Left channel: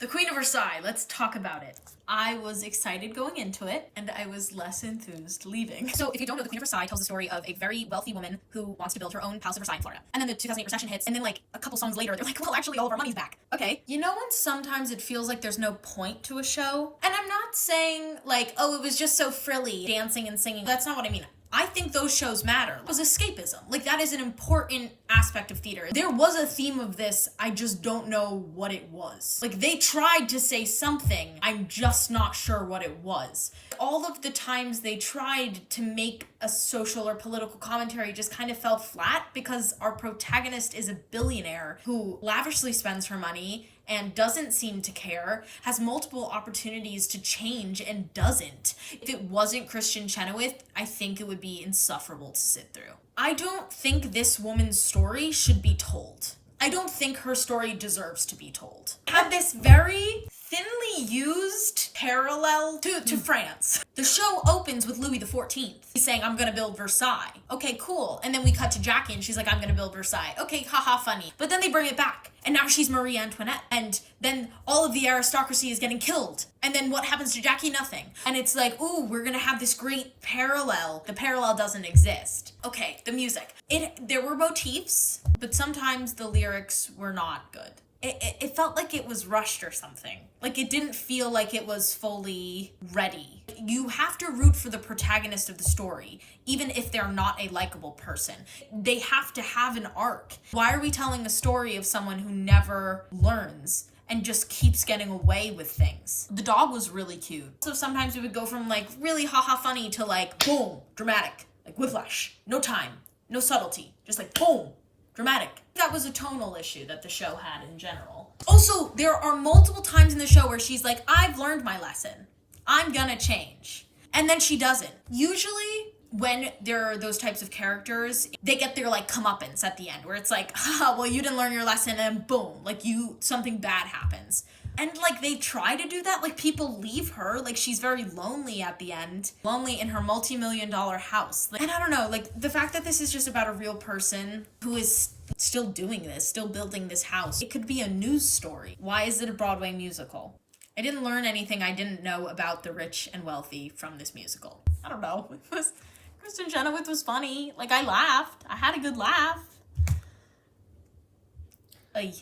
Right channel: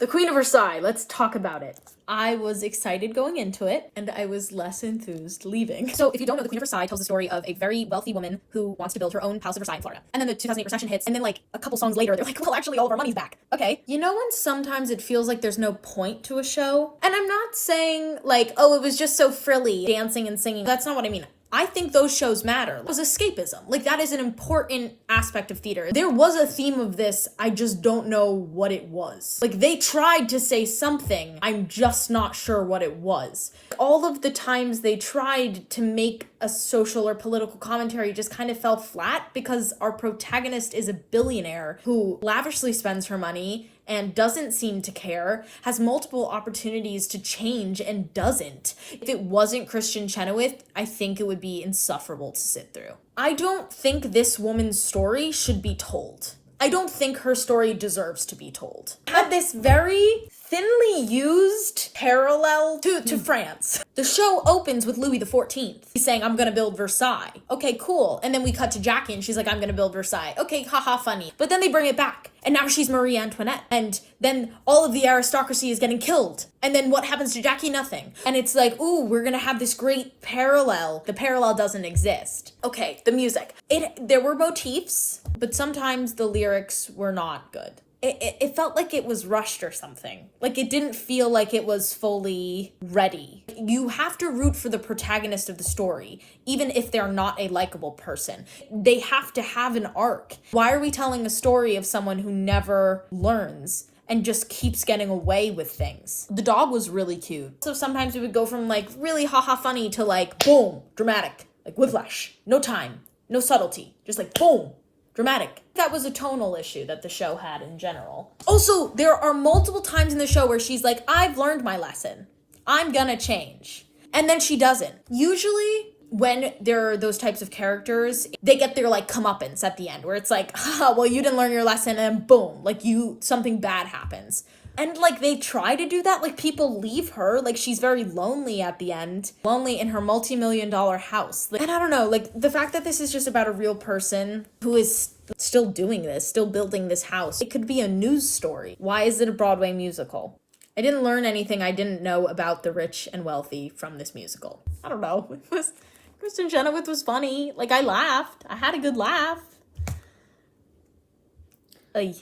The Queen of Versailles, let's talk about it. I was excited going into it, and I was less enthused leaving. So if you don't know, The Queen of Versailles tells the story of a very wealthy woman who wants to build her own House of Versailles in Florida. And then the 2008 recession hits, and then like a couple songs later, they're like, well, actually all of our money's back. Okay. You know when sometimes it feels like there's no point to a show? And I'm not saying like, oh, it was just so frilly, dancing and singing. That's not what I mean. I think those shows matter. It was escapism. Like, that is an important aspect of theater. There was a theme of this, I just don't know what it was. Like, they tried to say something, I'm just not sure what it was. All of the times they tried to make a social or political commentary just kind of fell flat because our protagonist is a billionaire who lavishly spends her money and doesn't seem to care, has multiple opportunities to change and doesn't. If it wasn't Christian Chenoweth, I think it would be insufferable to sit through. I don't think this woman's story should be told. I don't think her story deserves to be told. Had this very thinly used parallel to France. The show opens with Louis XIV. He's saying, I'm gonna build Versailles. Okay, cool. And then we cut to Jackie and she's like, I'm gonna build Versailles. Okay, haha, funny. But then they bring it back. And now she's Marie Antoinette. And then all of the aristocracy is getting killed. And then what happens to Jackie? Nothing. And it's like, ooh, we're gonna have this great parallel. The parallel doesn't exist. Okay, the music. There were motifs, but sometimes the lyrics were not good. It felt like it was rushed or something. Like it didn't feel like it was fully ready. You have to root for the protagonist of the story, even if they're not a likable person. They have to have an arc. Why are we telling a story of someone who never learns and just keeps getting away with things? The dog was really cute. So sometimes we would go from like really haha funny to like boom, dramatic, like whiplash, no time, no subtlety, just like boom. Dramatic. That was a tonal issue that the show had in general. Also, there are multiple times in the show where she's like, I've learned my lesson. I'm gonna change. And then she doesn't. Usually, when there are those types of characters, they get their like comeuppance at the end, where it's like, haha, well, you didn't learn your lesson, and boom, like something bad happens. And like they try to do that, like people leave her, like she's very lonely at the end, lonely in her multi-million-dollar house. And I don't know, like the fact that this is just about a real person who is still doing this, still building this house. It could be a news story. Why is it a Broadway musical? I didn't learn anything I didn't know about the rich and wealthy from this musical. I don't know. Kristen Chenoweth was funny. Like I laughed. I had a good laugh. Ay.